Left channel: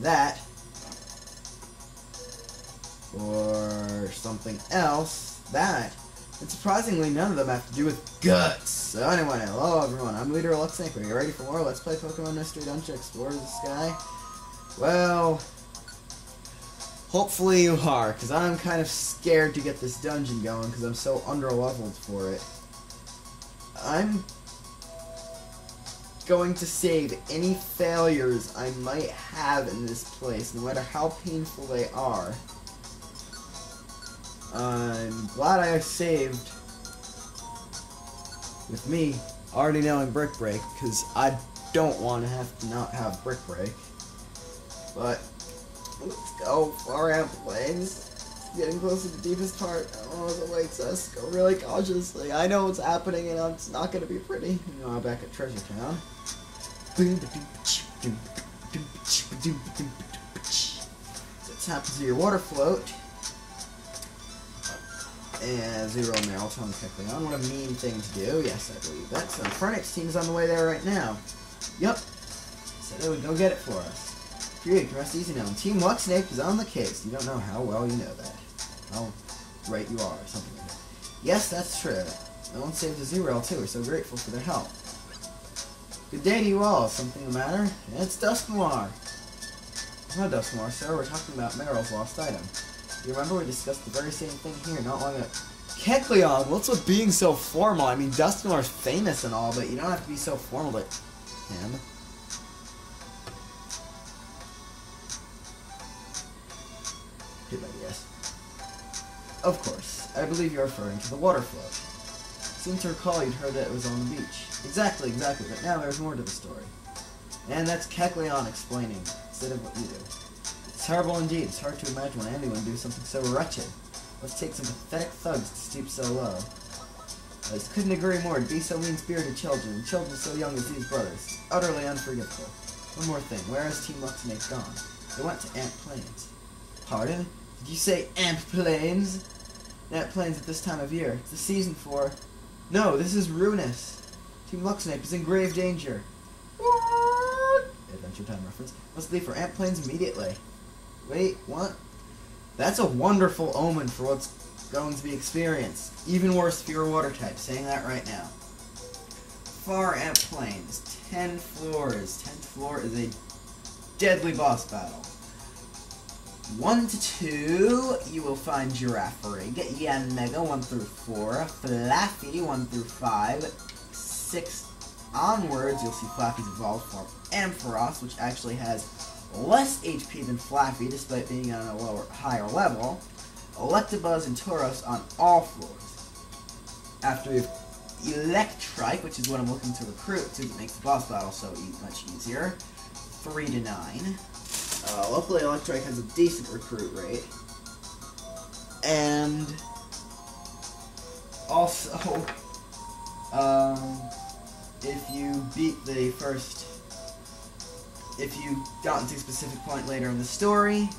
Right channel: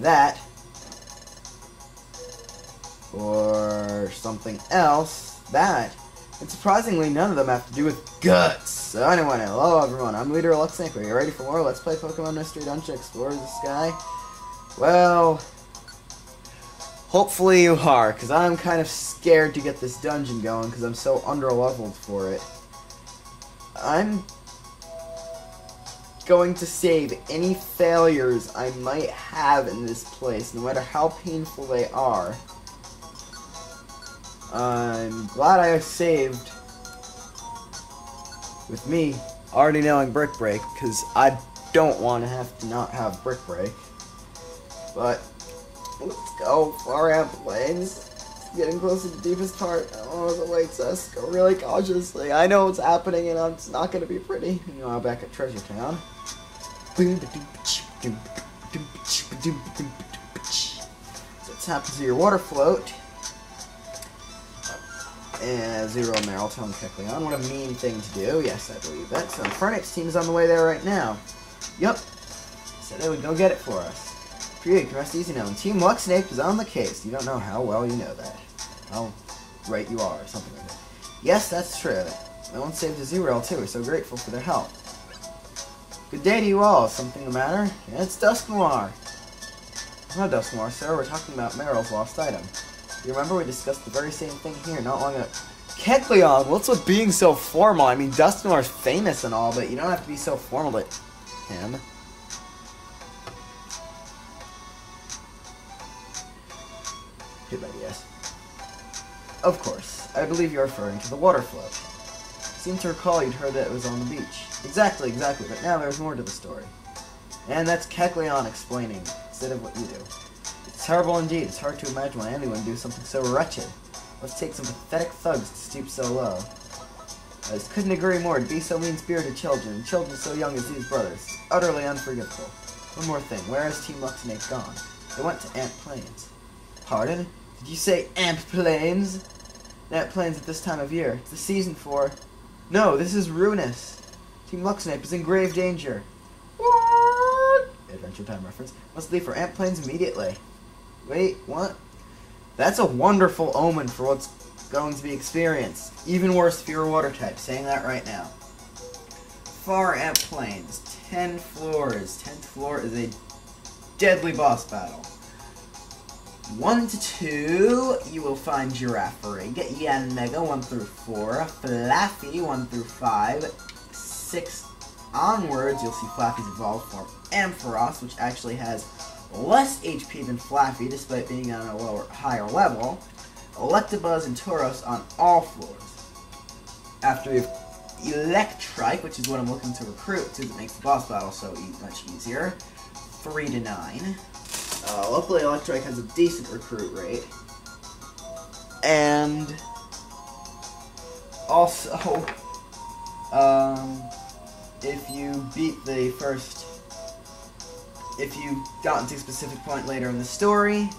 that, or something else, that. And surprisingly, none of them have to do with guts. So anyway, hello everyone, I'm Leader Electrike. Are you ready for more Let's Play Pokemon Mystery Dungeon Explorers of the Sky? Well, hopefully you are, because I'm kind of scared to get this dungeon going, because I'm so under-leveled for it. I'm going to save any failures I might have in this place, no matter how painful they are. I'm glad I saved with me already knowing Brick Break, because I don't want to have to not have Brick Break. But let's go far out plains. Getting close to the deepest part. Oh, it awaits us. Go really cautiously. I know what's happening, and it's not going to be pretty. Meanwhile, back at Treasure Town. So let's happen to your water float. And Zero Meryl telling Kecleon. What a mean thing to do. Yes, I believe that. So Fernix team's on the way there right now. Yup. Said they would go get it for us. You can rest easy now. And Team Luxnape is on the case. You don't know how well you know that. How right you are, or something like that. Yes, that's true. No one saved a Zero too. We're so grateful for their help. Good day to you all. Is something the matter? Yeah, it's Dusknoir. No, Dusknoir, sir. We're talking about Meryl's lost item. You remember we discussed the very same thing here not long ago. Kecleon, what's with being so formal? I mean, Dusknoir's famous and all, but you don't have to be so formal to him. Good ideas. Of course. I believe you're referring to the water float. Seem to recall you'd heard that it was on the beach. Exactly, but now there's more to the story. And that's Kecleon explaining, instead of what you do. It's terrible indeed. It's hard to imagine why anyone would do something so wretched. Let's take some pathetic thugs to stoop so low. I just couldn't agree more. To be so mean-spirited children, and children so young as these brothers. Utterly unforgivable. One more thing. Where is Team Luxnape gone? They went to Ant Plains. Pardon? Did you say Ant Plains? Ant Plains at this time of year. It's the season for... No, this is ruinous. Team Luxnape is in grave danger. What? Adventure Time reference. Must leave for Ant Plains immediately. Wait, what? That's a wonderful omen for what's going to be experienced. Even worse if you're a water type. Saying that right now. Far Ant Plains. 10 floors. 10th floor is a deadly boss battle. 1 to 2, you will find Girafarig, Yanmega 1 through 4, Flaffy 1 through 5, 6 onwards, you'll see Flaffy's evolved form Ampharos, which actually has less HP than Flaffy, despite being on a higher level, Electabuzz and Tauros on all floors. After we have Electrike, which is what I'm looking to recruit, because it makes the boss battle so much easier, 3 to 9. Luckily, Electrike has a decent recruit rate. And also, if you beat the first, if you got into a specific point later in the story,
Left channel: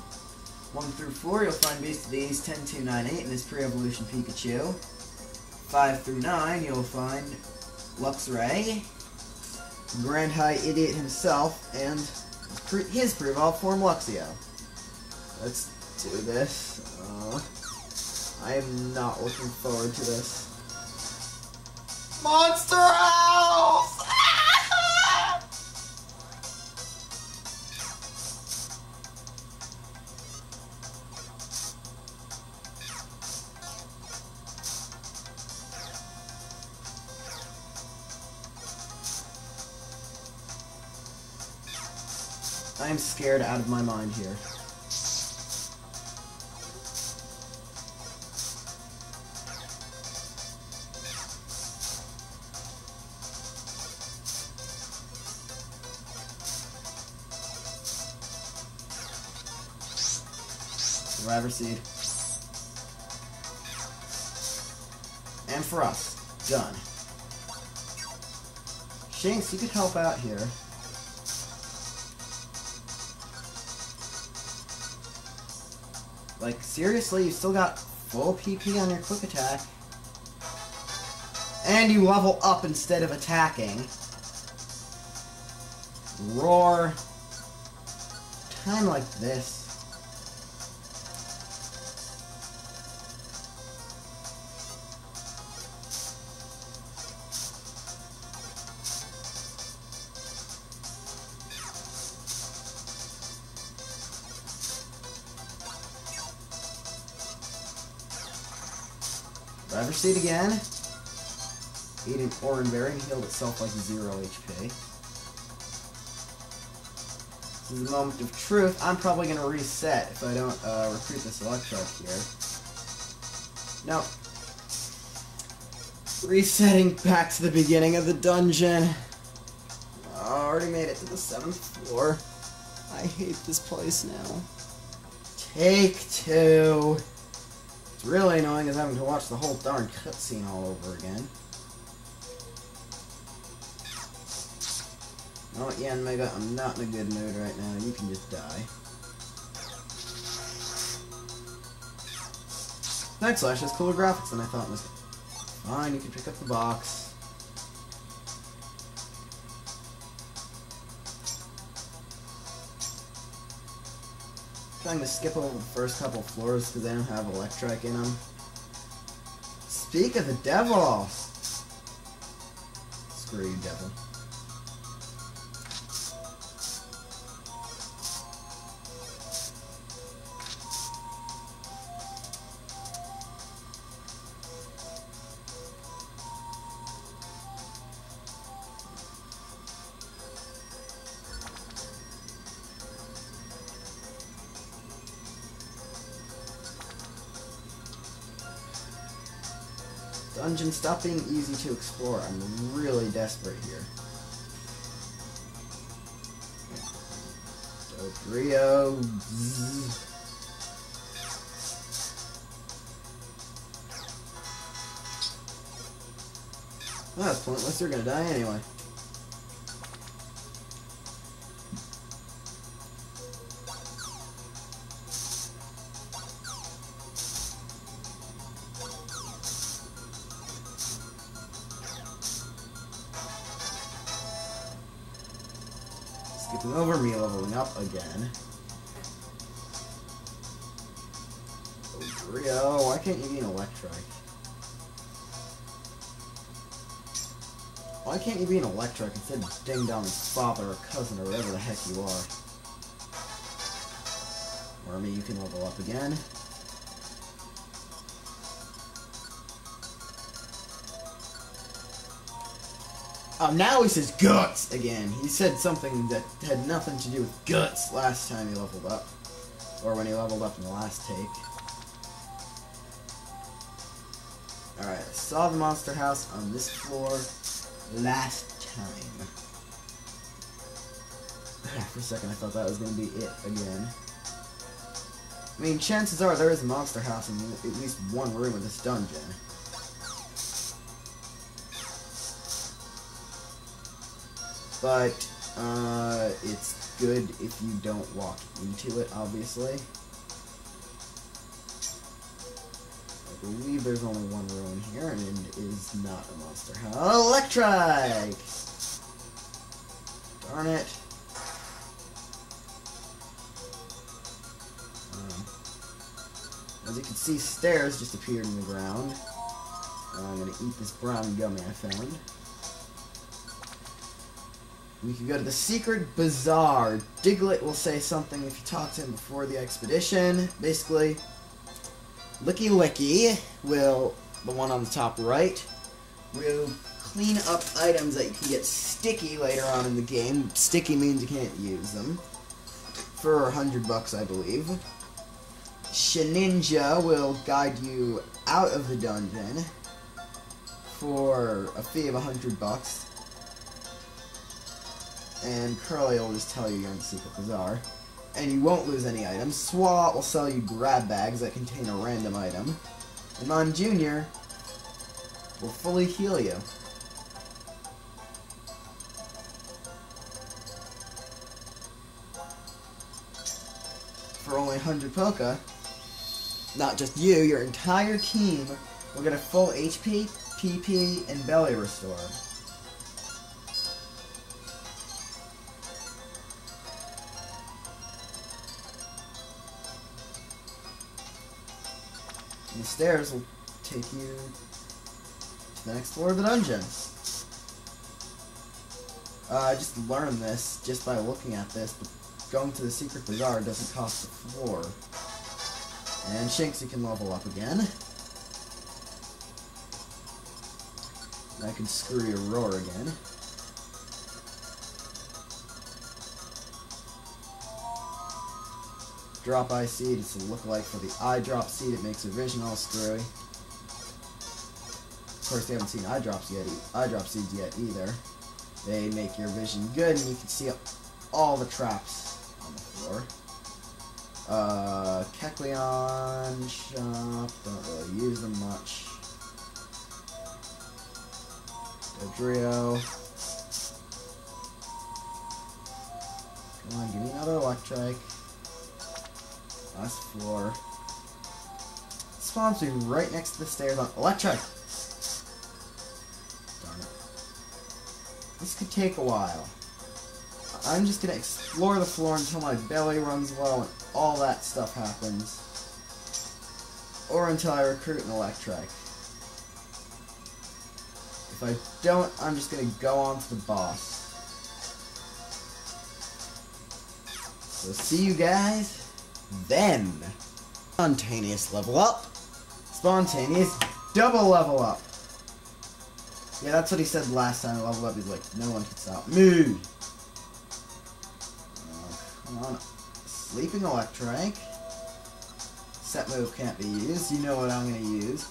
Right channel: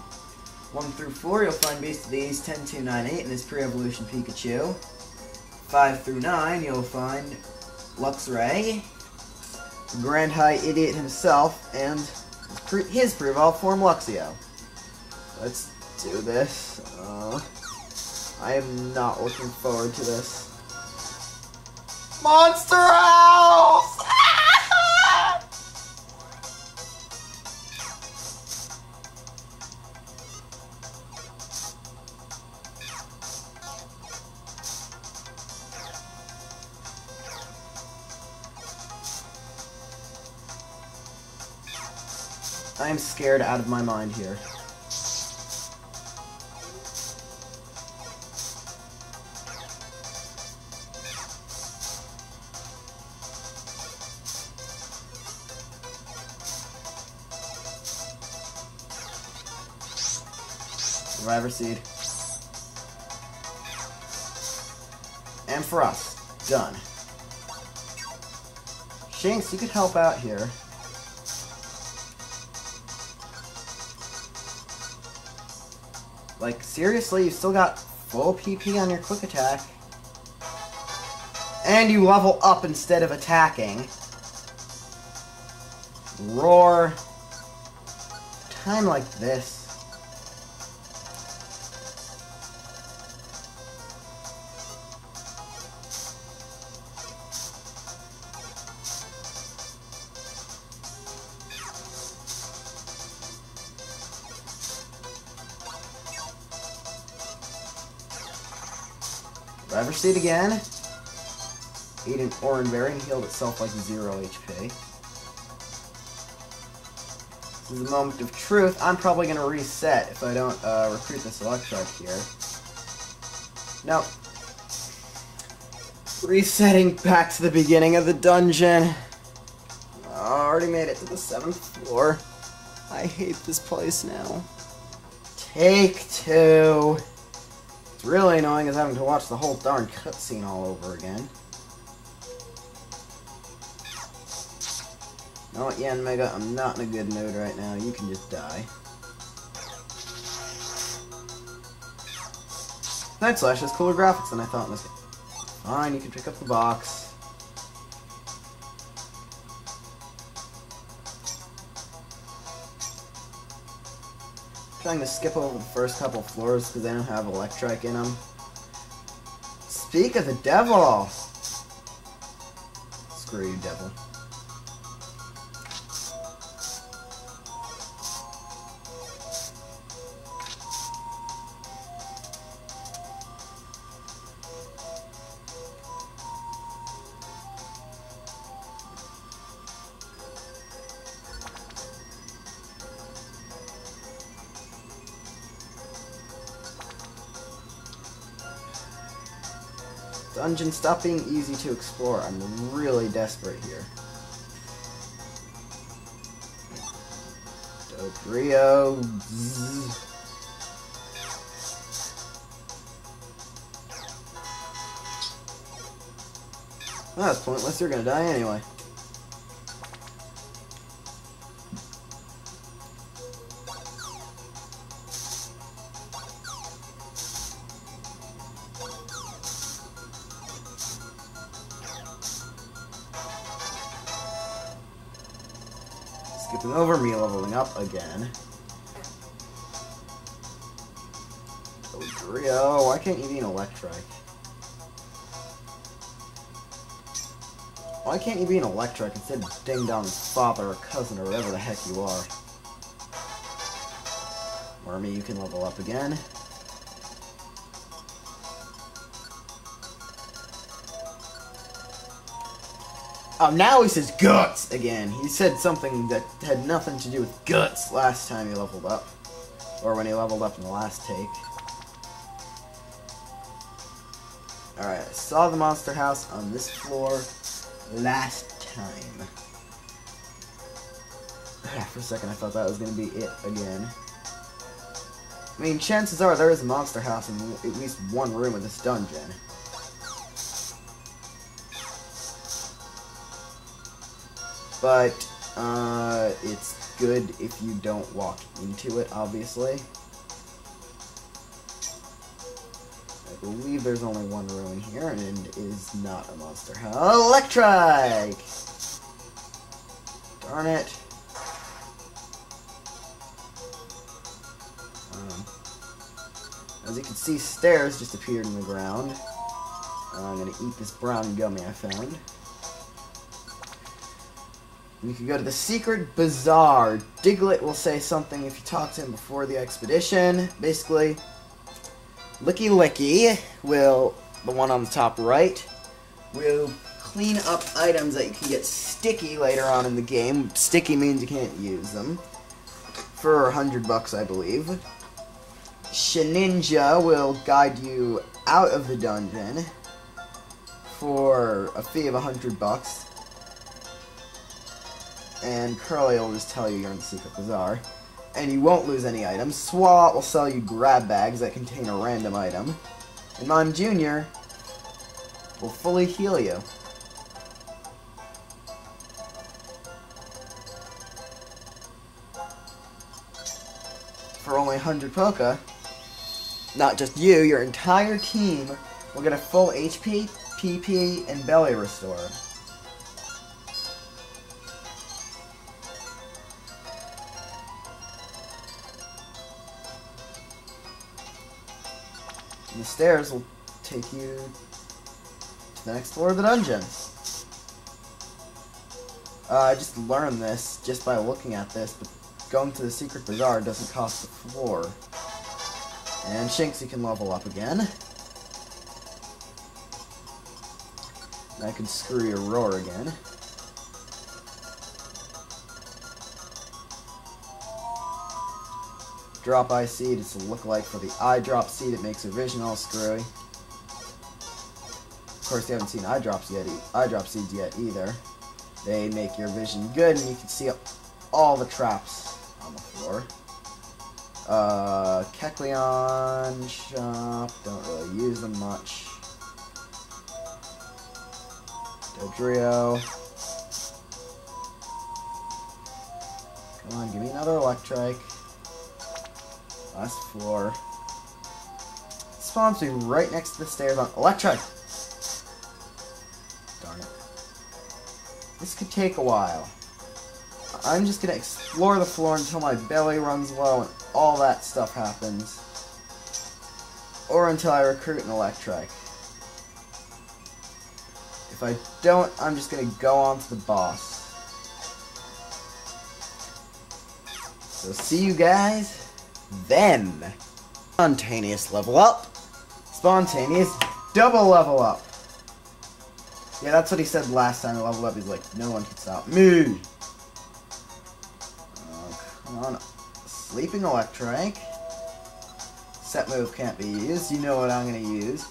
1 through 4, you'll find Beast of the East 10298 and his pre-evolution Pikachu. 5 through 9, you'll find Luxray, Grand High Idiot himself, and his pre-evolved form Luxio. Let's do this. I am not looking forward to this. Monster House! I am scared out of my mind here. Survivor Seed. And for us, done. Shanks, you could help out here. Like, seriously, you still got full PP on your quick attack. And you level up instead of attacking. Roar. kind of like this. Driver seat again. Ate an orange berry and healed itself like 0 HP. This is a moment of truth. I'm probably going to reset if I don't recruit this Electrike here. Nope. Resetting back to the beginning of the dungeon. Already made it to the 7th floor. I hate this place now. Take 2. It's really annoying is having to watch the whole darn cutscene all over again. You know what, Yan Mega, I'm not in a good mood right now. You can just die. Night Slash has cooler graphics than I thought in this game. Fine, you can pick up the box. Trying to skip over the first couple floors because they don't have Electrike in them. Speak of the devil! Screw you, devil. Dungeon, stop being easy to explore. I'm really desperate here. Dodrio. Oh, that's pointless. You're gonna die anyway. Skipping over me, leveling up again. Dodrio, why can't you be an Electrike? Why can't you be an Electrike instead of Ding Dong's father or cousin or whatever the heck you are? Wormy, you can level up again. Oh, now he says guts again. He said something that had nothing to do with guts last time he leveled up. Or when he leveled up in the last take. Alright, I saw the monster house on this floor last time. For a second I thought that was going to be it again. I mean, chances are there is a monster house in at least one room of this dungeon. But, it's good if you don't walk into it, obviously. I believe there's only one room here, and it is not a monster house. Electrike! Darn it. As you can see, stairs just appeared in the ground. I'm gonna eat this brown gummy I found. We could go to the secret bazaar. Diglett will say something if you talk to him before the expedition. Basically, Licky Licky will, the one on the top right, will clean up items that you can get sticky later on in the game. Sticky means you can't use them. For $100, I believe. Sheninja will guide you out of the dungeon for a fee of $100. And Curly will just tell you you're in the secret bazaar. And you won't lose any items. Swat will sell you grab bags that contain a random item. And Mime Jr. will fully heal you. For only 100 Poka, not just you, your entire team will get a full HP, PP, and belly restore. And the stairs will take you to the next floor of the dungeon. I just learned this just by looking at this, but going to the secret bazaar doesn't cost the floor. And Shanks, you can level up again. And I can screw your roar again. Drop eye seed, it's a lookalike for the eye drop seed. It makes your vision all screwy. Of course, you haven't seen eye drop seeds yet either. They make your vision good, and you can see all the traps on the floor. Kecleon shop, don't really use them much. Dodrio. Come on, give me another Electrike. Last floor. Spawns me right next to the stairs on Electrike. Darn it. This could take a while. I'm just gonna explore the floor until my belly runs low and all that stuff happens. Or until I recruit an Electrike. If I don't, I'm just gonna go on to the boss. So see you guys then. Spontaneous level up. Spontaneous double level up. Yeah, that's what he said last time I leveled up. He's like, no one can stop me. Oh, come on. Sleeping Electrike. Set move can't be used. You know what I'm going to use.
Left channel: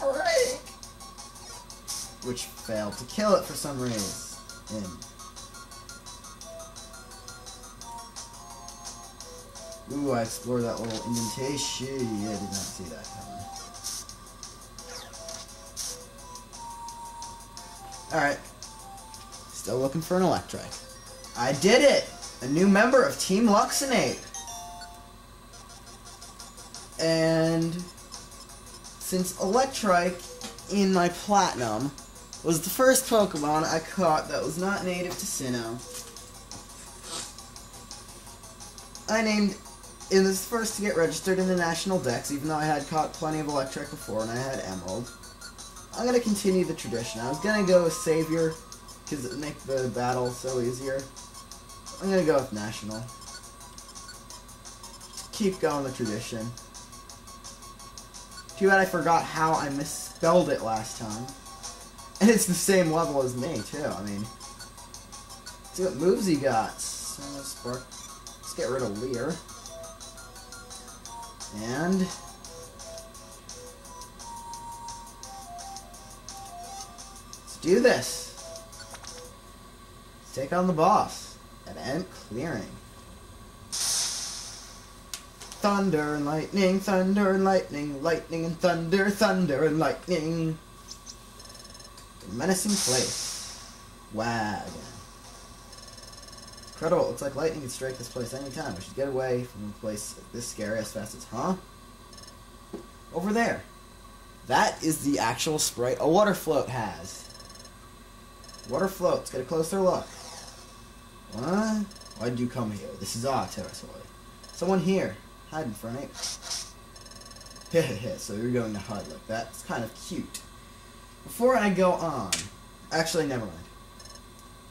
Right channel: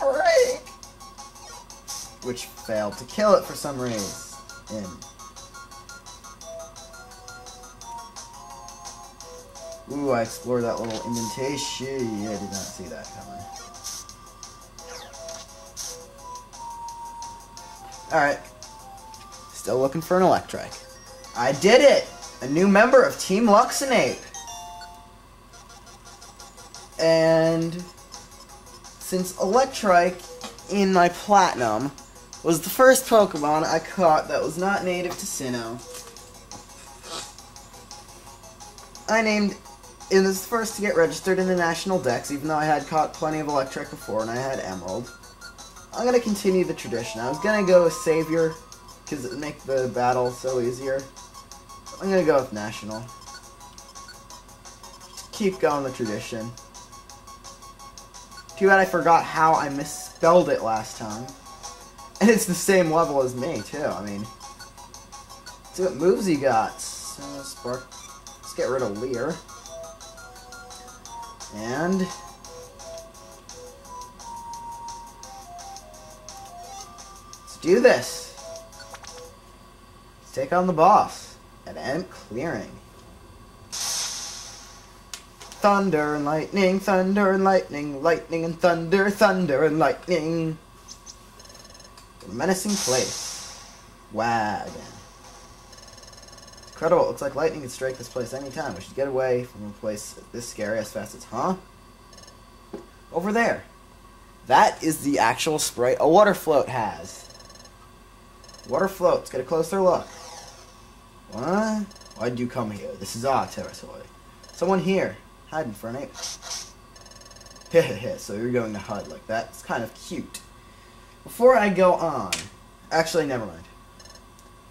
Break! Which failed to kill it for some reason. Ooh, I explored that little indentation. Yeah, I did not see that coming. Alright. Still looking for an Electrike. I did it! A new member of Team Luxinape. And since Electrike in my Platinum was the first Pokemon I caught that was not native to Sinnoh, it was the first to get registered in the National Dex, even though I had caught plenty of Electrike before and I had Emerald. I'm going to continue the tradition. I was going to go with Savior, because it would make the battle so easier. I'm going to go with National. Just keep going the tradition. Too bad I forgot how I misspelled it last time. And it's the same level as me, too. I mean, let's see what moves he got. Spark. Let's get rid of Leer. And let's do this. Let's take on the boss at End Clearing. Thunder and lightning, thunder and lightning, lightning and thunder, thunder and lightning. A menacing place. Wagon. Incredible, it looks like lightning can strike this place anytime. We should get away from a place this scary as fast as, huh? Over there. That is the actual sprite a water float has. Water float, let's get a closer look. What? Why'd you come here? This is our territory. Someone here, hiding for an ape. Hehehe, so you're going to hide like that? It's kind of cute. Before I go on, actually, never mind.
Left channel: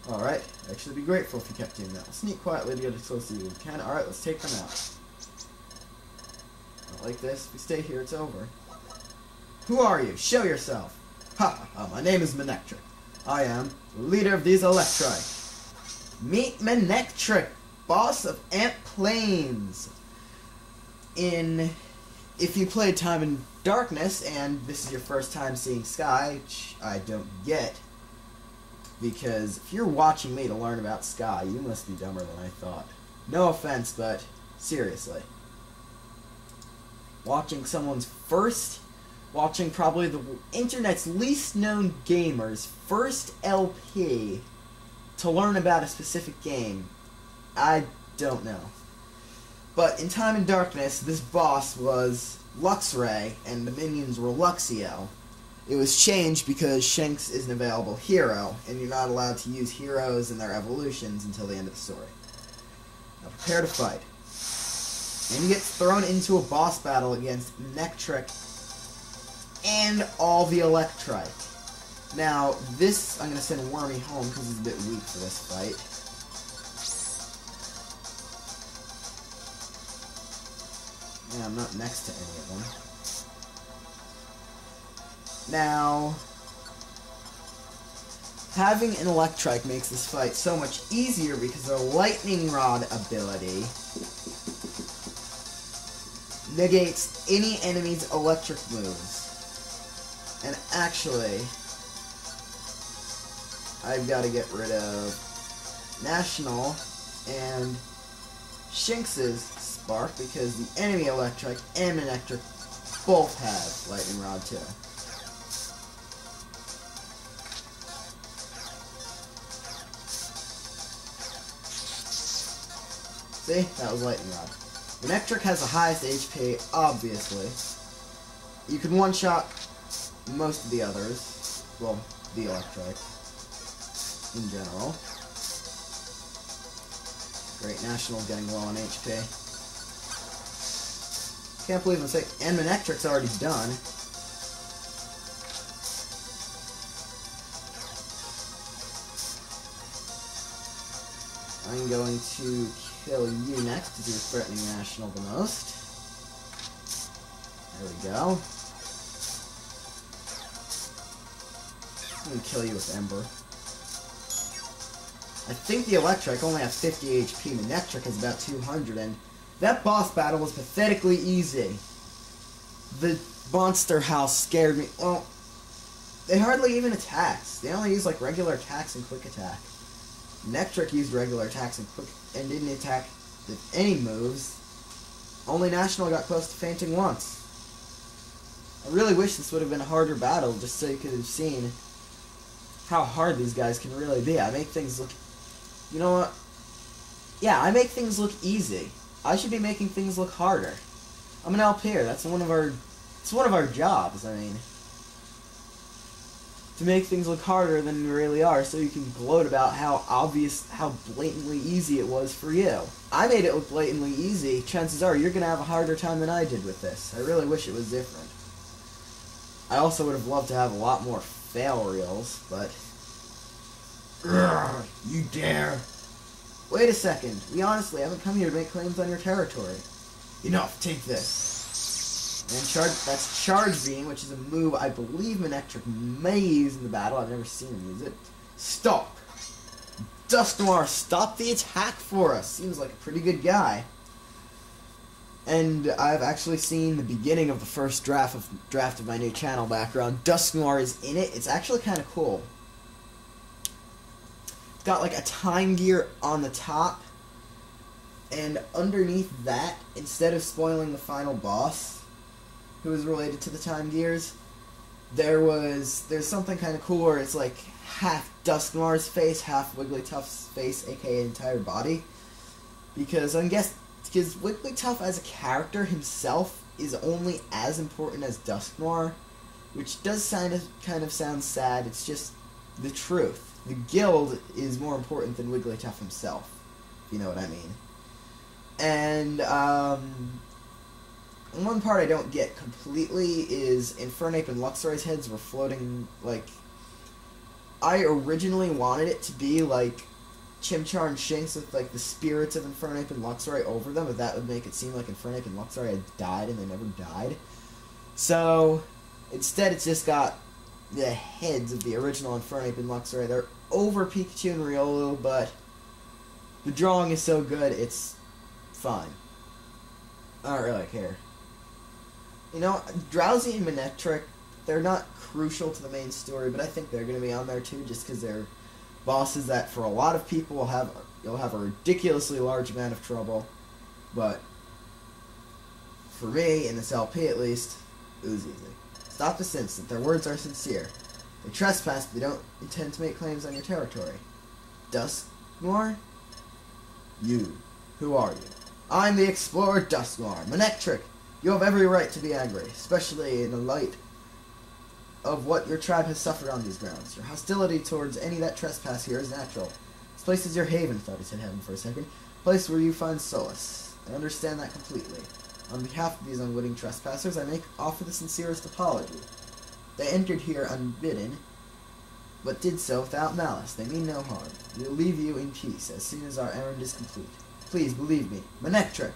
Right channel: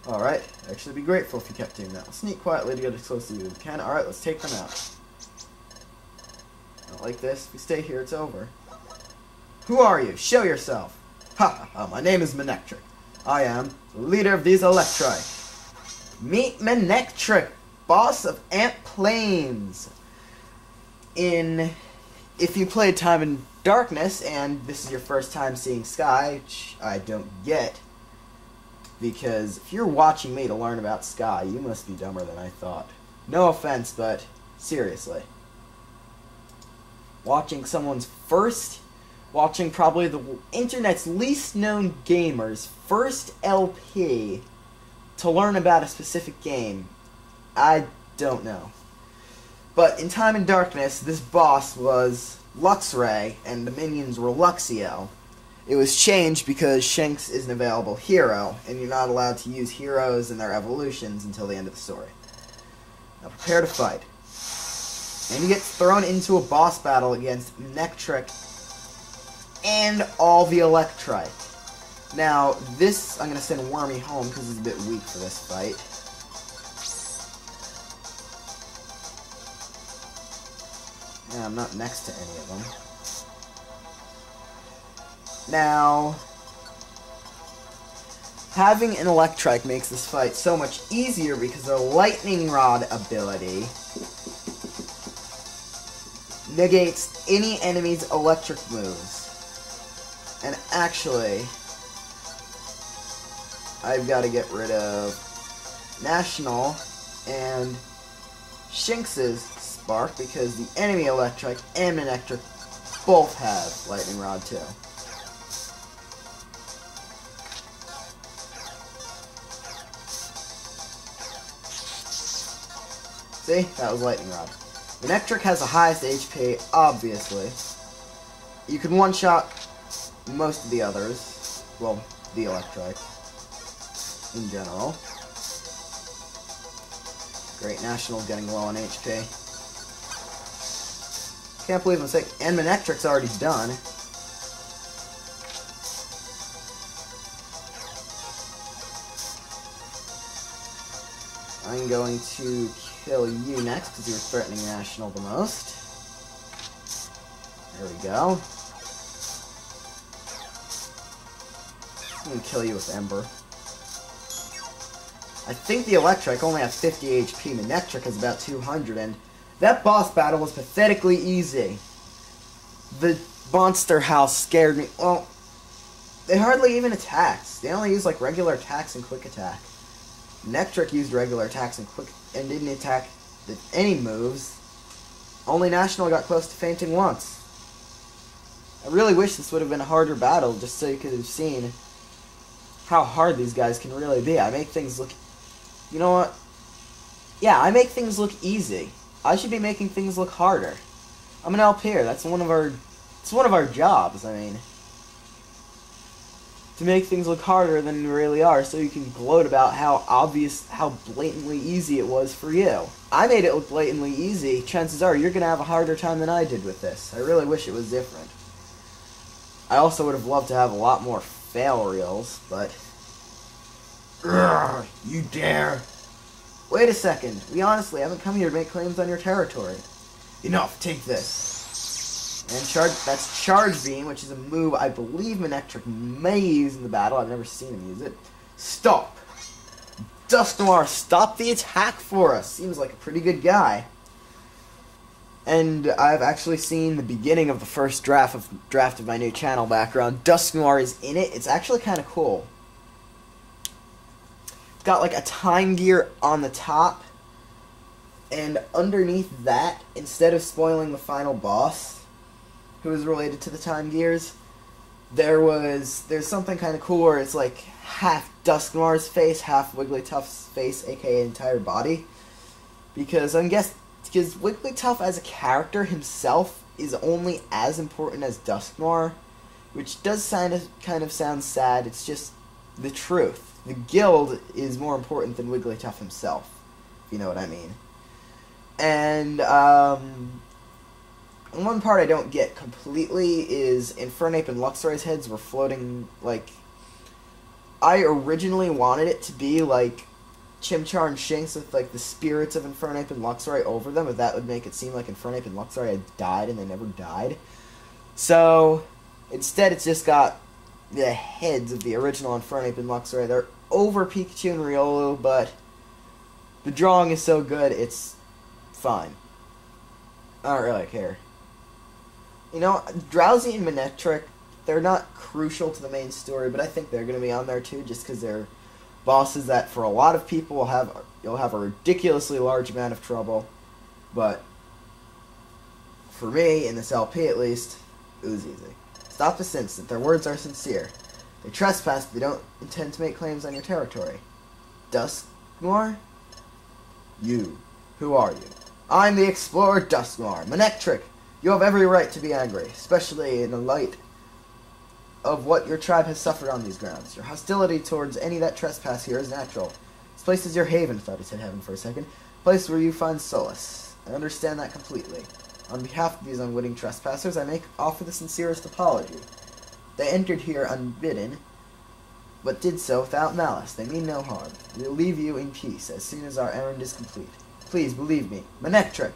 Alright, I'd actually be grateful if you kept doing that. I'll sneak quietly to get as close to you as we can. Alright, let's take them out. Not like this. If we stay here, it's over. Who are you? Show yourself. Ha ha ha, my name is Manectric. I am the leader of these Electrike. Meet Manectric, boss of Ant Plains. If you played Time in Darkness, and this is your first time seeing Sky, which I don't get, because if you're watching me to learn about Sky, you must be dumber than I thought. No offense, but seriously. Watching probably the internet's least known gamer's first LP to learn about a specific game, I don't know. But in Time in Darkness, this boss was Luxray, and the minions were Luxio. It was changed because Shanks is an available hero, and you're not allowed to use heroes and their evolutions until the end of the story. Now prepare to fight. And you get thrown into a boss battle against Manectric and all the Electrike. Now, this, I'm going to send Wormy home because he's a bit weak for this fight. Yeah, I'm not next to any of them. Now, having an Electrike makes this fight so much easier because their Lightning Rod ability negates any enemy's electric moves. And actually, I've got to get rid of National and Shinx's Spark because the enemy Electrike and Manectric both have Lightning Rod too. See? That was Lightning Rod. Manectric has the highest HP, obviously. You can one-shot most of the others. Well, the Electrike. In general. Great, National's getting low on HP. Can't believe I'm saying... And Manectric's already done. I'm going to kill you next, because you're threatening National the most. There we go. I'm going to kill you with Ember. I think the Electrike only has 50 HP, Manectric has about 200, and that boss battle was pathetically easy. The monster house scared me. Well, they hardly even attacked. They only used like regular attacks and quick attack. Manectric used regular attacks and didn't attack with any moves. Only National got close to fainting once. I really wish this would have been a harder battle, just so you could have seen how hard these guys can really be. I make things look... You know what? Yeah, I make things look easy. I should be making things look harder. I'm an LPer. That's one of our jobs, I mean. To make things look harder than they really are, so you can gloat about how blatantly easy it was for you. I made it look blatantly easy. Chances are you're going to have a harder time than I did with this. I really wish it was different. I also would have loved to have a lot more fail reels, but... Urgh, you dare! Wait a second. We honestly haven't come here to make claims on your territory. Enough, take this. And that's Charge Beam, which is a move I believe Manectric may use in the battle. I've never seen him use it. Stop! Dusknoir, stop the attack for us! Seems like a pretty good guy. And I've actually seen the beginning of the first draft of my new channel background. Dusknoir is in it. It's actually kind of cool. It's got like a time gear on the top. And underneath that, instead of spoiling the final boss, who is related to the time gears, there's something kind of cool where it's like half Dusknoir's face, half Wigglytuff's face, aka entire body. Because Wigglytuff as a character himself is only as important as Dusknoir, which does kind of sound sad. It's just the truth. The guild is more important than Wigglytuff himself, if you know what I mean. And one part I don't get completely is Infernape and Luxray's heads were floating, like... I originally wanted it to be like Chimchar and Shinx with like the spirits of Infernape and Luxray over them, but that would make it seem like Infernape and Luxray had died and they never died. So, instead it's just got the heads of the original Infernape and Luxray. They're over Pikachu and Riolu, but the drawing is so good, it's fine. I don't really care. You know, Drowsy and Manectric, they're not crucial to the main story, but I think they're going to be on there too, just because they're bosses that for a lot of people you'll have a ridiculously large amount of trouble, but for me, in this LP at least, it was easy. Stop this instant. Their words are sincere. They trespass, but they don't intend to make claims on your territory. Dusknoir? You. Who are you? I'm the explorer Dusknoir. Manectric, you have every right to be angry, especially in the light of what your tribe has suffered on these grounds. Your hostility towards any that trespass here is natural. This place is your haven, thought he said heaven for a second. Place where you find solace. I understand that completely. On behalf of these unwitting trespassers, I offer the sincerest apology. They entered here unbidden, but did so without malice. They mean no harm. We'll leave you in peace as soon as our errand is complete. Please believe me. Manectric!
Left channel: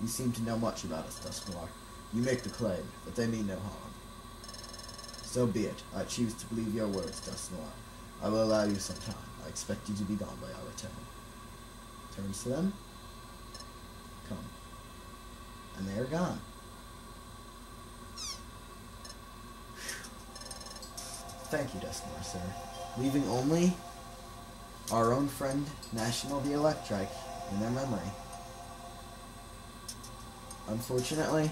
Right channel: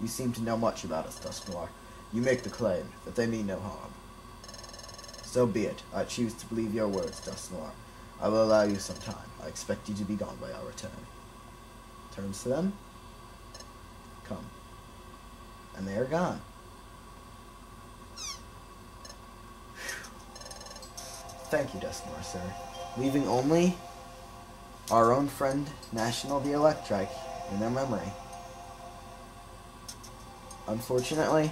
You seem to know much about us, Dusknoir. You make the claim that they mean no harm. So be it. I choose to believe your words, Dusknoir. I will allow you some time. I expect you to be gone by our return. Turns to them. Come. And they are gone. Thank you, Dusknoir, sir. Leaving only our own friend, National the Electrike, in their memory. Unfortunately,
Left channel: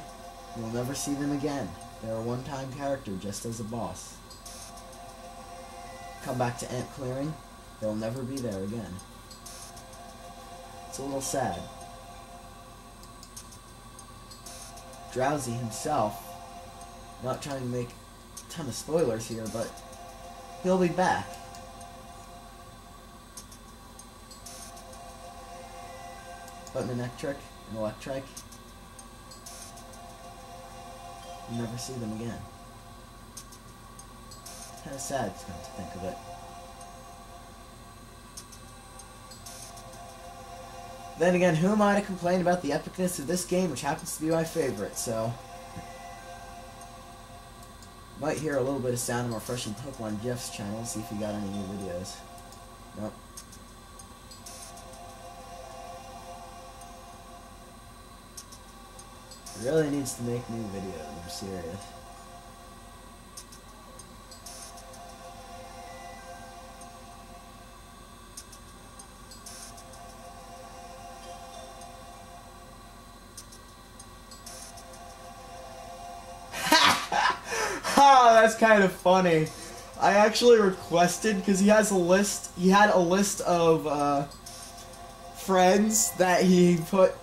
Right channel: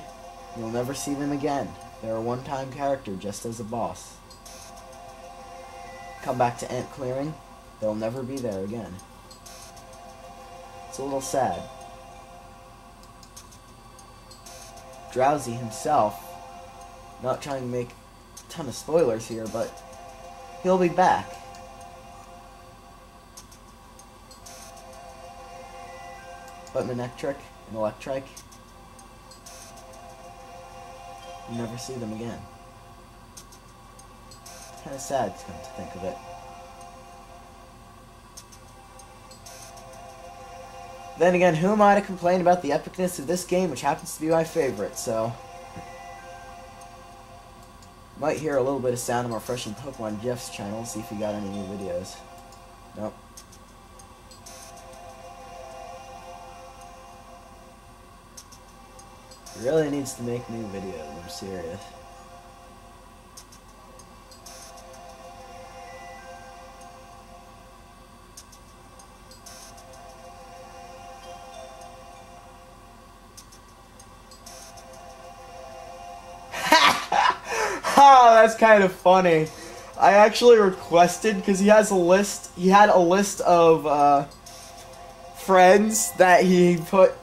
you'll never see them again. They're a one-time character, just as a boss. Come back to Ant Clearing, they'll never be there again. It's a little sad. Drowsy himself, not trying to make a ton of spoilers here, but he'll be back. But Manectric and Electrike, you'll never see them again. It's kind of sad to come to think of it. Then again, who am I to complain about the epicness of this game, which happens to be my favorite, so... Might hear a little bit of sound of more fresh and Pokemon Jeff's channel, see if he got any new videos. Nope. He really needs to make new videos, I'm serious. Oh, that's kind of funny. I actually requested, because he had a list of friends that he put,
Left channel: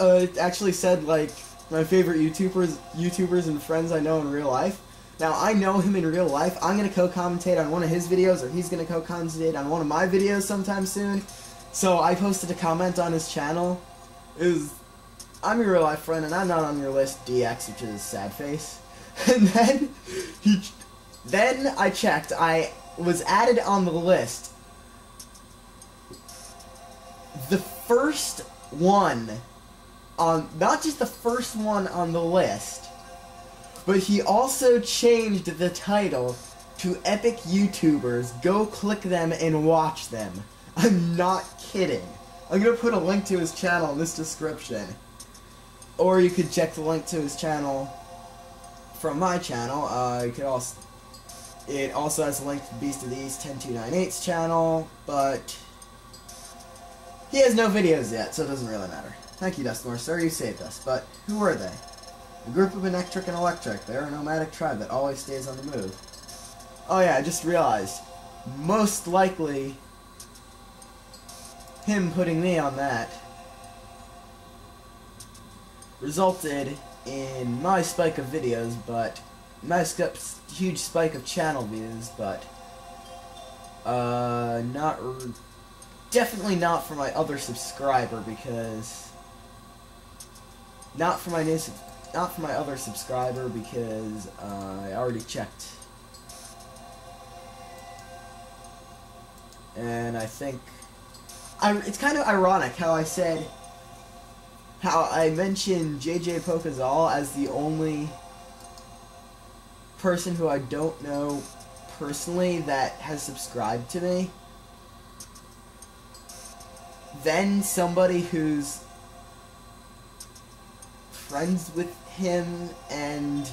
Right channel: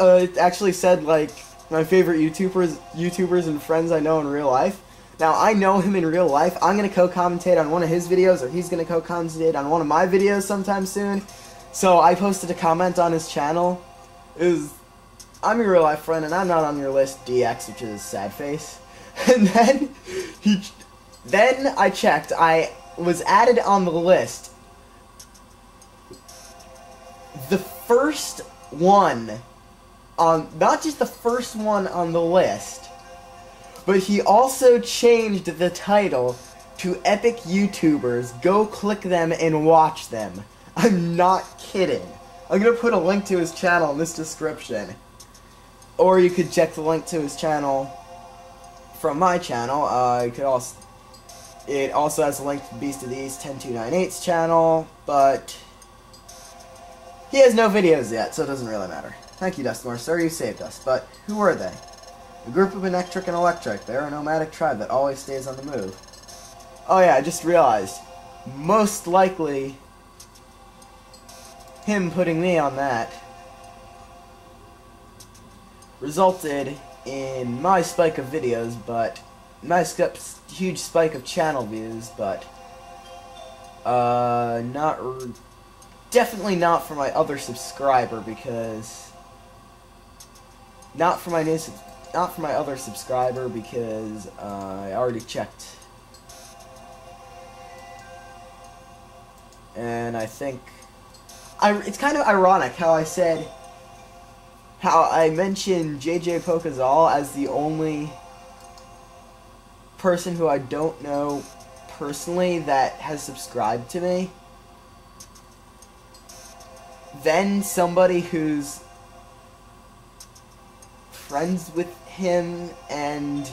it actually said, like, my favorite YouTubers and friends I know in real life. Now, I know him in real life. I'm going to co-commentate on one of his videos, or he's going to co-commentate on one of my videos sometime soon. So I posted a comment on his channel. I'm your real life friend, and I'm not on your list, DX, which is sad face. And then I checked. I was added on the list. The first one not just the first one on the list, but he also changed the title to Epic YouTubers. Go click them and watch them. I'm not kidding. I'm gonna put a link to his channel in this description. Or you could check the link to his channel from my channel. It also has a link to Beast of the East 10298's channel, but he has no videos yet, so it doesn't really matter. Thank you, Dusknoir, sir, you saved us. But who are they? A group of Manectric and Electrike. They're a nomadic tribe that always stays on the move. Oh yeah, I just realized. Most likely, him putting me on that resulted in my spike of videos, but my huge spike of channel views, but definitely not for my other subscriber, because not for my other subscriber, because I already checked, and I think it's kind of ironic how I mentioned JJ Pokazal as the only person who I don't know personally that has subscribed to me. Then somebody who's friends with him and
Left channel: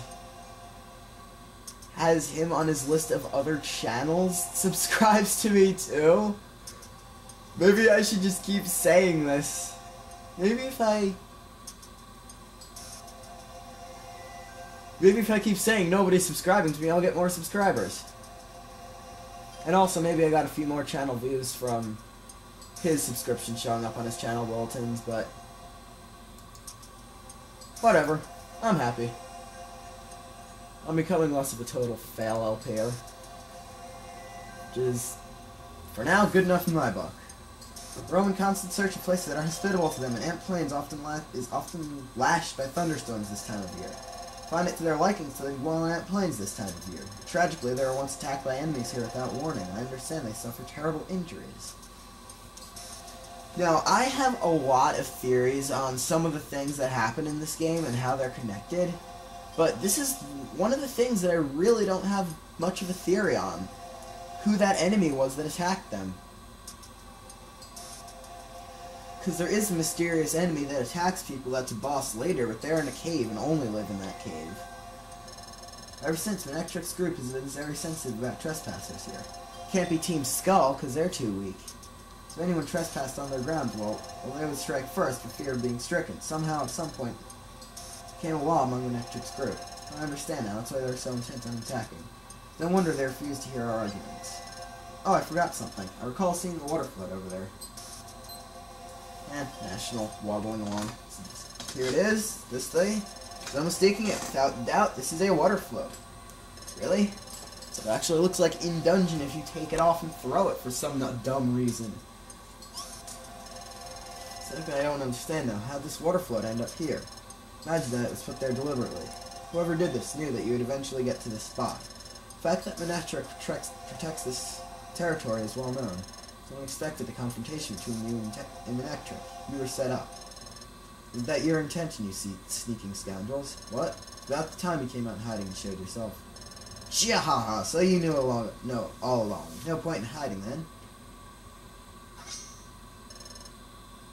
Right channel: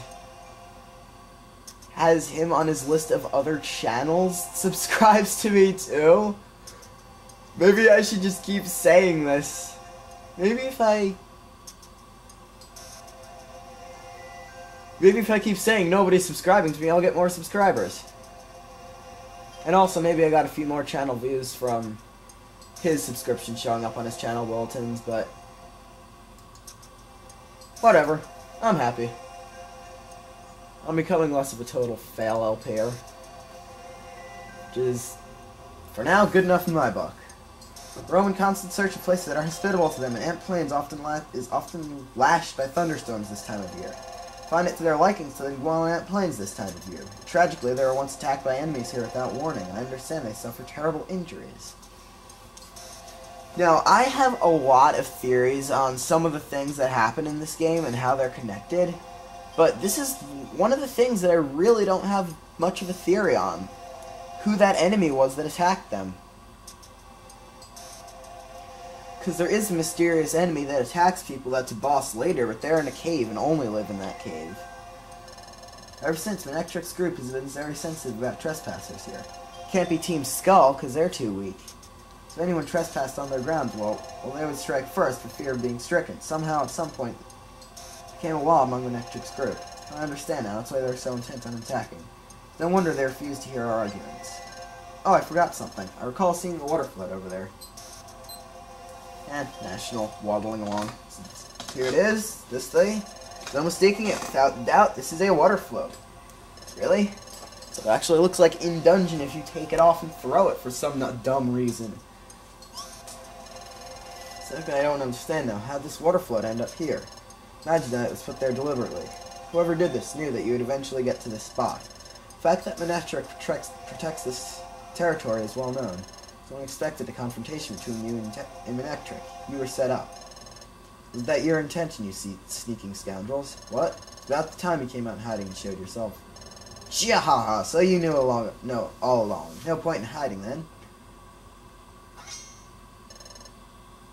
has him on his list of other channels subscribes to me too. Maybe I should just keep saying this. Maybe if I keep saying nobody's subscribing to me, I'll get more subscribers. And also, maybe I got a few more channel views from his subscription showing up on his channel bulletins, but whatever. I'm happy. I'm becoming less of a total fail LPer. Which is, for now, good enough in my book. Roam in constant search of places that are hospitable to them, and Ant Plains is often lashed by thunderstorms this time of year. find it to their liking so they dwell in plains this time of year. Tragically, they were once attacked by enemies here without warning. I understand they suffer terrible injuries. Now, I have a lot of theories on some of the things that happen in this game and how they're connected, but this is one of the things that I really don't have much of a theory on. Who that enemy was that attacked them. Because there is a mysterious enemy that attacks people that's a boss later, but they're in a cave and only live in that cave. Ever since, Manectric's group has been very sensitive about trespassers here. Can't be Team Skull, because they're too weak. So if anyone trespassed on their grounds, well, they would strike first for fear of being stricken. Somehow, at some point, it became a law among Manectric's group. I understand now, that's why they're so intent on attacking. No wonder they refuse to hear our arguments. Oh, I forgot something. I recall seeing the water flood over there. And National waddling along. Here it is, this thing. No mistaking it. Without doubt, this is a water float. Really? So it actually looks like in dungeon if you take it off and throw it for some dumb reason. Something I don't understand though. How'd this water float end up here? Imagine that it was put there deliberately. Whoever did this knew that you would eventually get to this spot. The fact that Manectric protects this territory is well known. So I expected a confrontation between you and Manectric. You were set up. Was that your intention, you sneaking scoundrels? What? About the time you came out in hiding and showed yourself. Chiahaha, so you knew all along. No point in hiding then.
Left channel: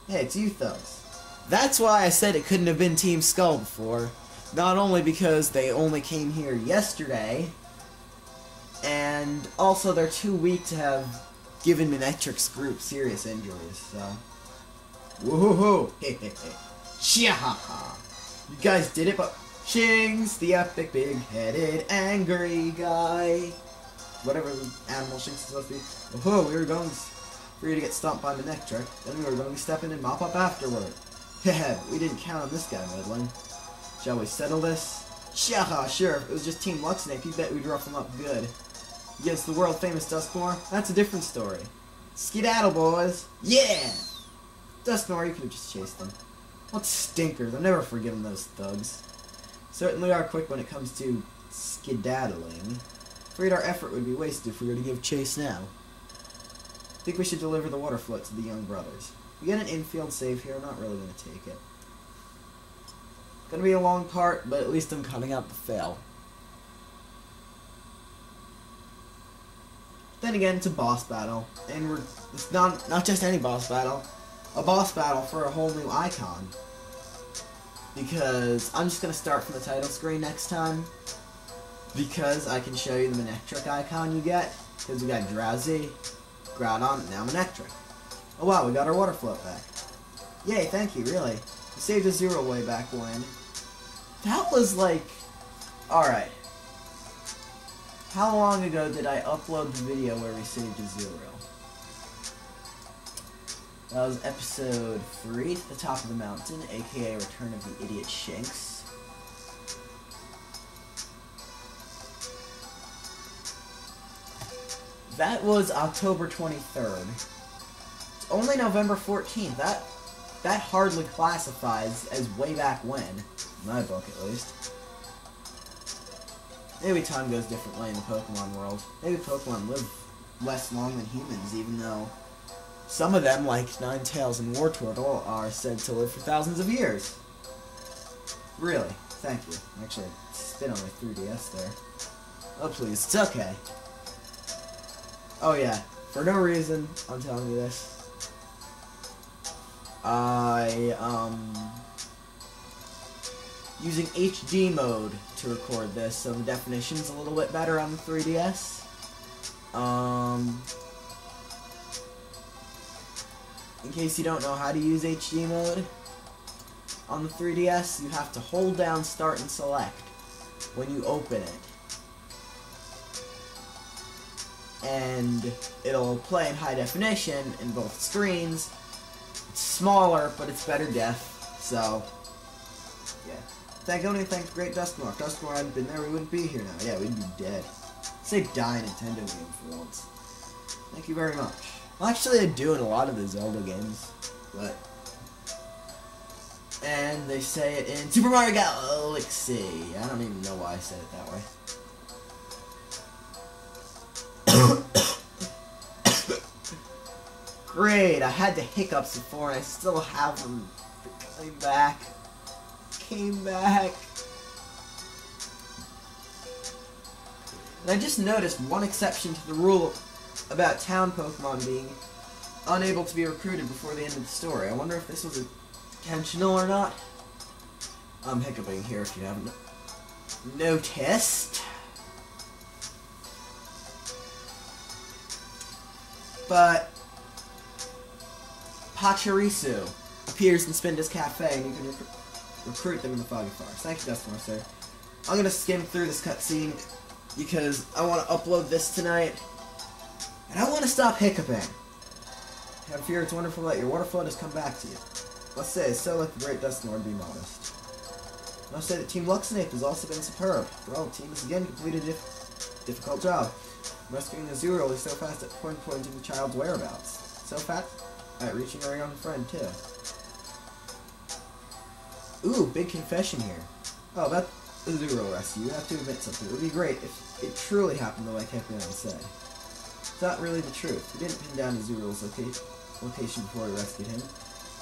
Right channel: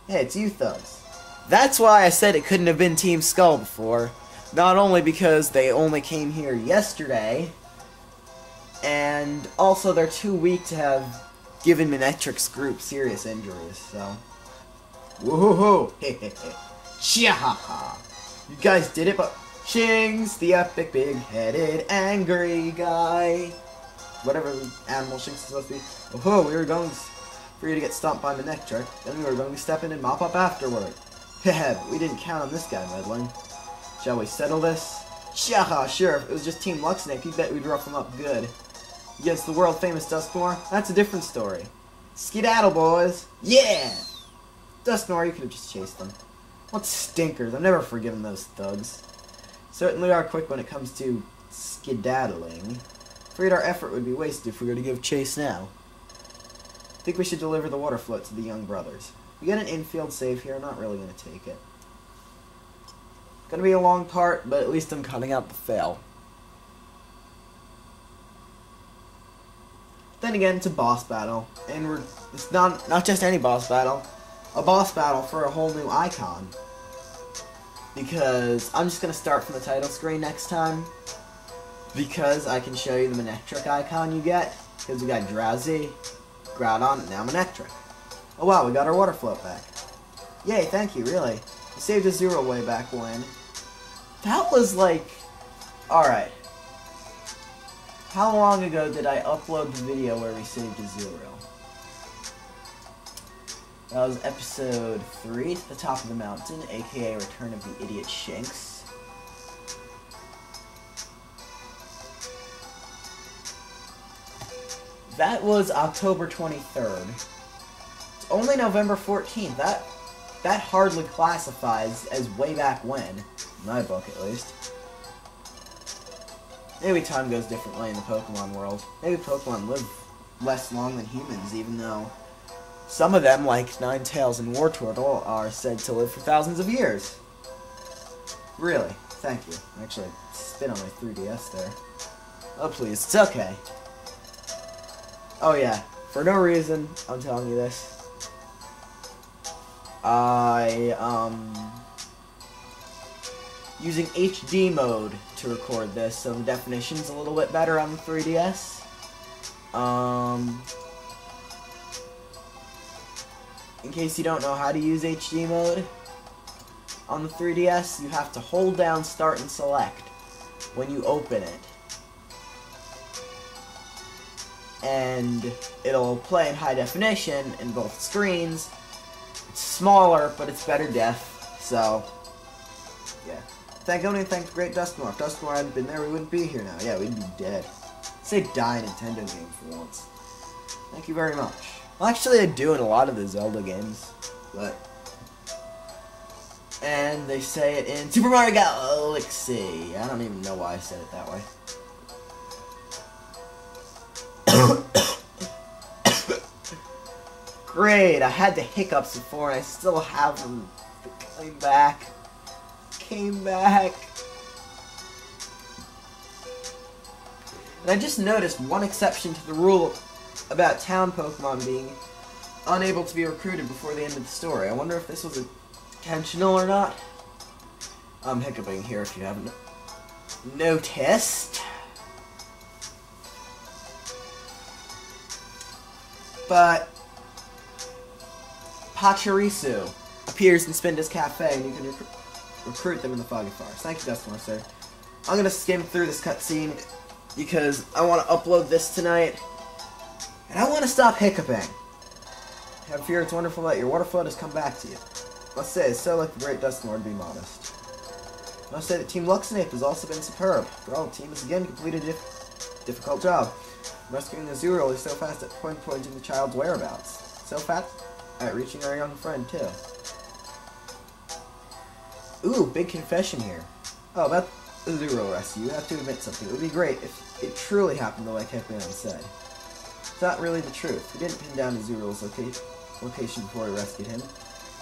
Hey, it's you thugs. That's why I said it couldn't have been Team Skull before. Not only because they only came here yesterday, and also they're too weak to have given Manectric's group serious injuries, so. Woohoo! Hehehe. Chiahaha! You guys did it, but Shing's the epic, big-headed, angry guy. Whatever the animal Shing's supposed to be. Woohoo! We were going for you to get stomped by Manectric, then we were going to step in and mop up afterward. Hehe, but we didn't count on this guy meddling. Shall we settle this? Chiaha, sure, if it was just Team Luxnape, you bet we'd rough him up good. Against the world-famous Duskmore? That's a different story. Skedaddle, boys! Yeah! Duskmore, you could have just chased them. What stinkers, I've never forgiven those thugs. Certainly are quick when it comes to skedaddling. Afraid our effort would be wasted if we were to give chase now. I think we should deliver the water float to the young brothers. We get an infield save here, I'm not really going to take it. It's going to be a long part, but at least I'm cutting out the fail. Then again, it's a boss battle, and it's not just any boss battle, a boss battle for a whole new icon. Because I'm just going to start from the title screen next time, because I can show you the Manectric icon you get, because we got Drowsy, Groudon, and now Manectric. Oh wow, we got our water float back. Yay, thank you, really. We saved a Zero way back when. That was like... Alright. How long ago did I upload the video where we saved a Zero? That was episode 3, The Top of the Mountain, aka Return of the Idiot Shanks. That was October 23rd. It's only November 14th. That hardly classifies as way back when. In my book, at least. Maybe time goes differently in the Pokemon world. Maybe Pokemon live less long than humans, even though some of them, like Ninetales and Wartortle, are said to live for thousands of years. Really? Thank you. Actually, I spit on my 3DS there. Oh, please. It's okay. Oh, yeah. For no reason, I'm telling you this. Using HD mode to record this, so the definition's a little bit better on the 3DS. In case you don't know how to use HD mode, on the 3DS, you have to hold down Start and Select when you open it. And it'll play in high definition in both screens. It's smaller, but it's better def, so yeah. Thank the great Duskmore. If Duskmore hadn't been there, we wouldn't be here now. Yeah, we'd be dead. Say die Nintendo game for once. Thank you very much. Well, actually, I do in a lot of the Zelda games, but And they say it in Super Mario Galaxy. I don't even know why I said it that way. Great, I had the hiccups before and I still have them. Came back. Came back. And I just noticed one exception to the rule about town Pokemon being unable to be recruited before the end of the story. I wonder if this was intentional or not. I'm hiccuping here if you haven't noticed. But Pachirisu appears in Spinda's Cafe, and you can recruit them in the Foggy Forest. Thank you, Dustmore, sir. I'm going to skim through this cutscene because I want to upload this tonight, and I want to stop hiccuping. Have fear, it's wonderful that your water flood has come back to you. Must say, it's so like the great Dustmore to be modest. Must say that Team Luxinape has also been superb. For all, the team has again completed a difficult job. Rescuing Azuriel is so fast at pinpointing the child's whereabouts. So fast at reaching our young friend, too. Ooh, big confession here. Oh, about the Azuriel rescue, you have to admit something. It would be great if it truly happened the way Kekleon said. It's not really the truth. We didn't pin down Azuriel's location before we rescued him.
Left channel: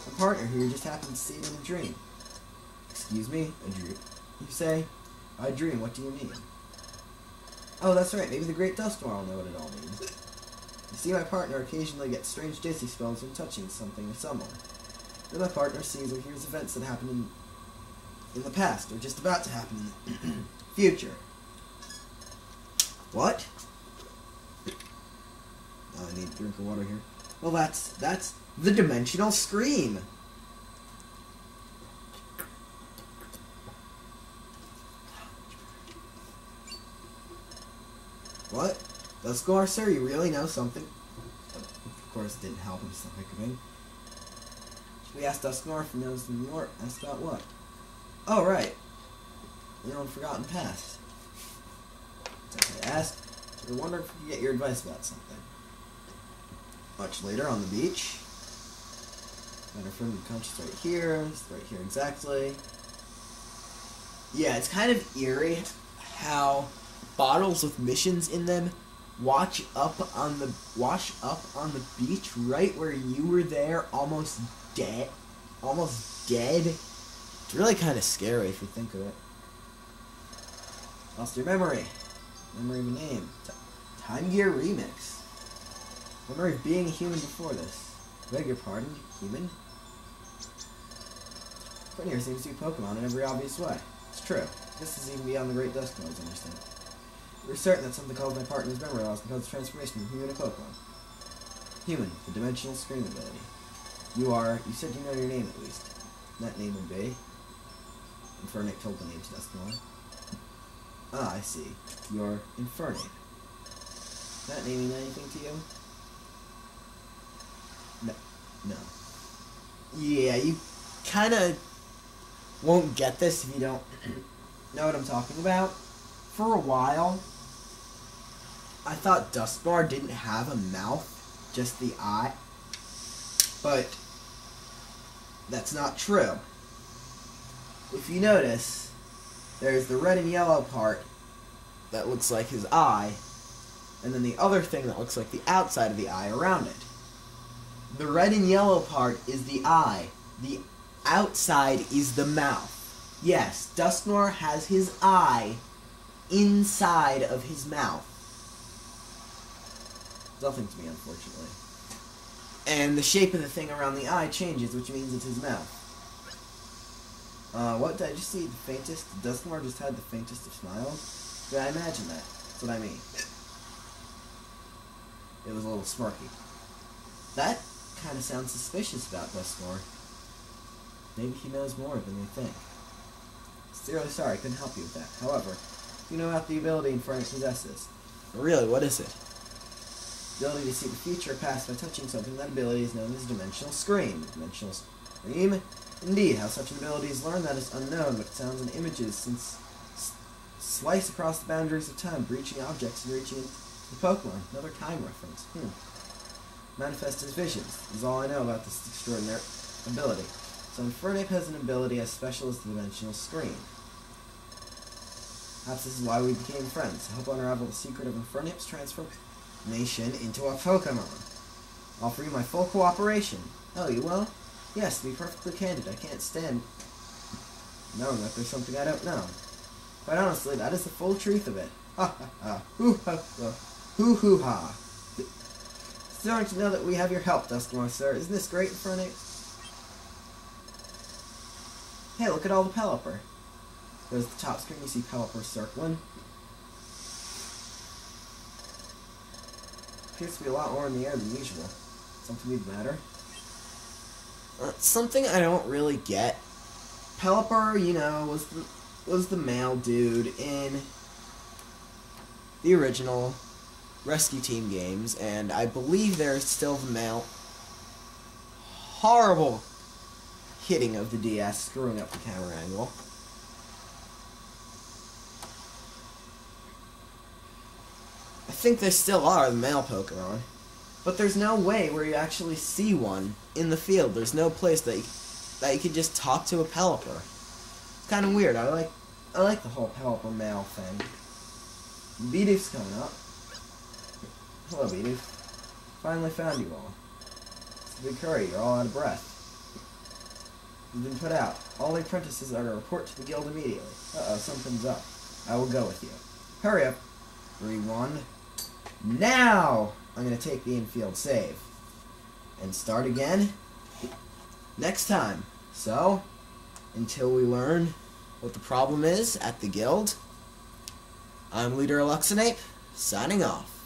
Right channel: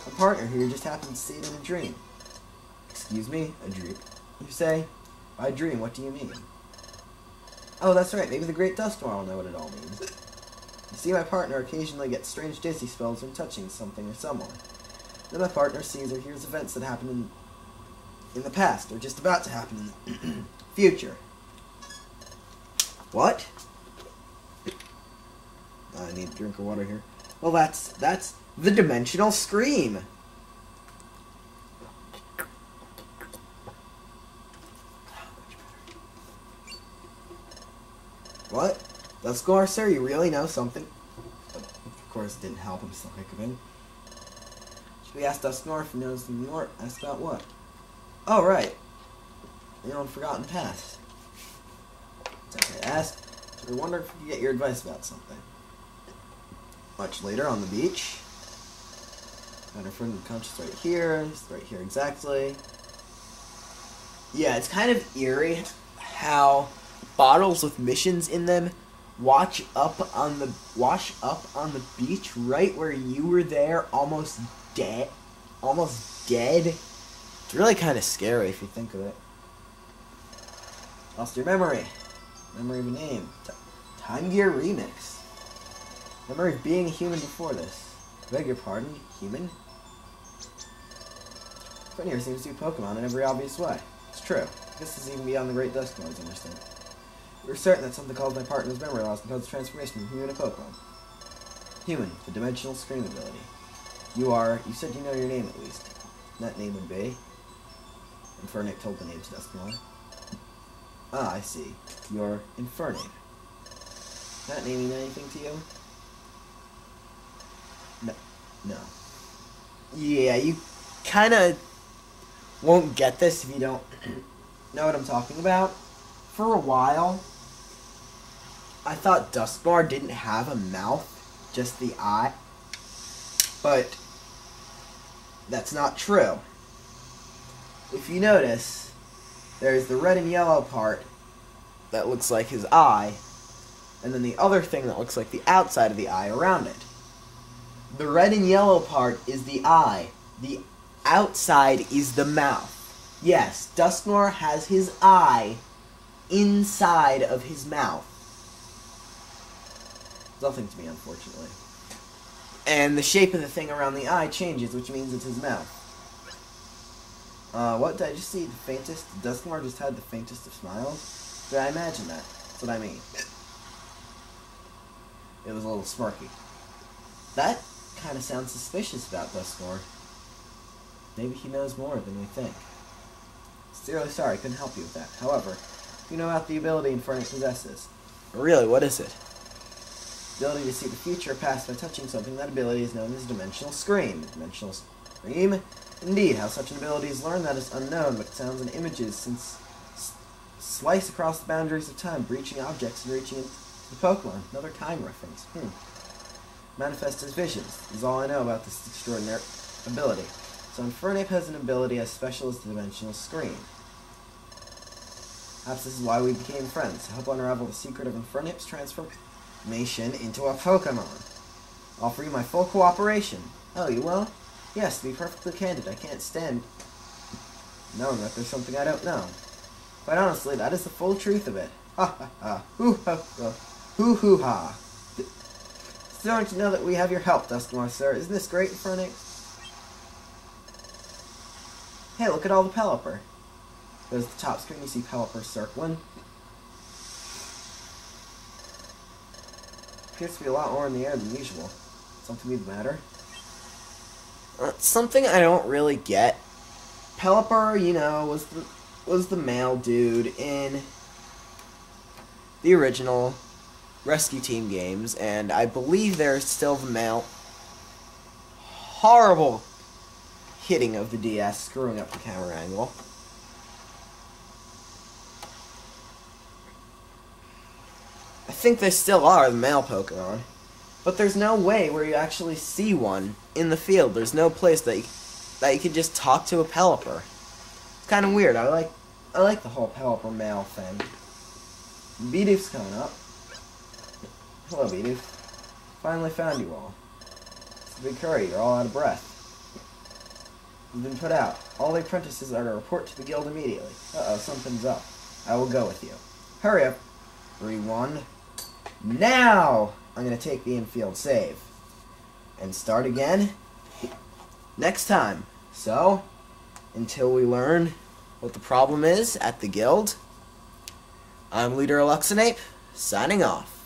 My partner here just happened to see it in a dream. Excuse me? A dream? You say? By dream, what do you mean? Oh, that's right. Maybe the Great Dustmore will know what it all means. You see, my partner occasionally gets strange dizzy spells when touching something or someone. Then my partner sees or hears events that happen in the past, or just about to happen in the future. What? I need a drink of water here. Well, that's the dimensional scream. What? Dustmore, sir, you really know something? Of course, it didn't help him, still hiccuping. Should we ask Dustmore if he knows more? Ask about what? Oh, right. You know, Forgotten Past. It's okay to ask. We were wondering if we could get your advice about something. Much later, on the beach. Got our friend unconscious right here. It's right here exactly. Yeah, it's kind of eerie how bottles with missions in them wash up on the beach right where you were there, almost dead. It's really kind of scary if you think of it. Lost your memory. Memory of a name. Time Gear Remix. Memory of being a human before this. Beg your pardon, human? Friend here seems to be Pokemon in every obvious way. It's true. This is even beyond the Great Dustmore, I understand. We're certain that something called my partner's memory loss can cause the transformation from human to Pokemon. Human, the dimensional scream ability. You said you know your name at least. That name would be. Infernape told the name to Dustmore. Ah, I see. You're Infernape. Does that name mean anything to you? No. Yeah, you kinda won't get this if you don't know what I'm talking about. For a while, I thought Dustmore didn't have a mouth, just the eye. But that's not true. If you notice, there's the red and yellow part that looks like his eye, and then the other thing that looks like the outside of the eye around it. The red and yellow part is the eye. The outside is the mouth. Yes, Dustmore has his eye inside of his mouth. Nothing to me, unfortunately. And the shape of the thing around the eye changes, which means it's his mouth. What did I just see? The faintest? Dustmore just had the faintest of smiles? Did I imagine that? That's what I mean. It was a little smirky. That kind of sounds suspicious about Dustmore. Maybe he knows more than we think. Sincerely sorry, couldn't help you with that. However, you know about the ability Infernape possesses. Really, what is it? The ability to see the future or past by touching something. That ability is known as Dimensional Scream. Dimensional Scream? Indeed, how such an ability is learned, that is unknown, but sounds and images since slice across the boundaries of time, breaching objects and reaching the Pokemon. Another time reference. Manifest as visions is all I know about this extraordinary ability. So Infernape has an ability as special as the Dimensional Screen. Perhaps this is why we became friends, to help unravel the secret of Infernape's transformation into a Pokemon. I'll offer you my full cooperation. Oh, you will? Yes, to be perfectly candid, I can't stand knowing that there's something I don't know. Quite honestly, that is the full truth of it. Ha ha ha. Hoo ha ha. Hoo hoo ha. Starting to know that we have your help, Duskmore, sir. Isn't this great, Infernape? Hey, look at all the Pelipper. There's the top screen, you see Pelipper circling. Appears to be a lot more in the air than usual. Something be the matter? Something I don't really get. Pelipper, you know, was the male dude in the original Rescue Team games, and I believe there's still the male. Horrible hitting of the DS, screwing up the camera angle. I think they still are the male Pokemon, but there's no way where you actually see one in the field. There's no place that you can just talk to a Pelipper. It's kind of weird. I like the whole Pelipper male thing. Bidoof's coming up. Hello, Bidoof. Finally found you all. It's a big hurry. You're all out of breath. You've been put out. All the apprentices are to report to the guild immediately. Uh-oh, something's up. I will go with you. Hurry up. 3-1. Now! I'm going to take the infield save. And start again next time. So, until we learn what the problem is at the guild, I'm Leader Eluxinape, signing off.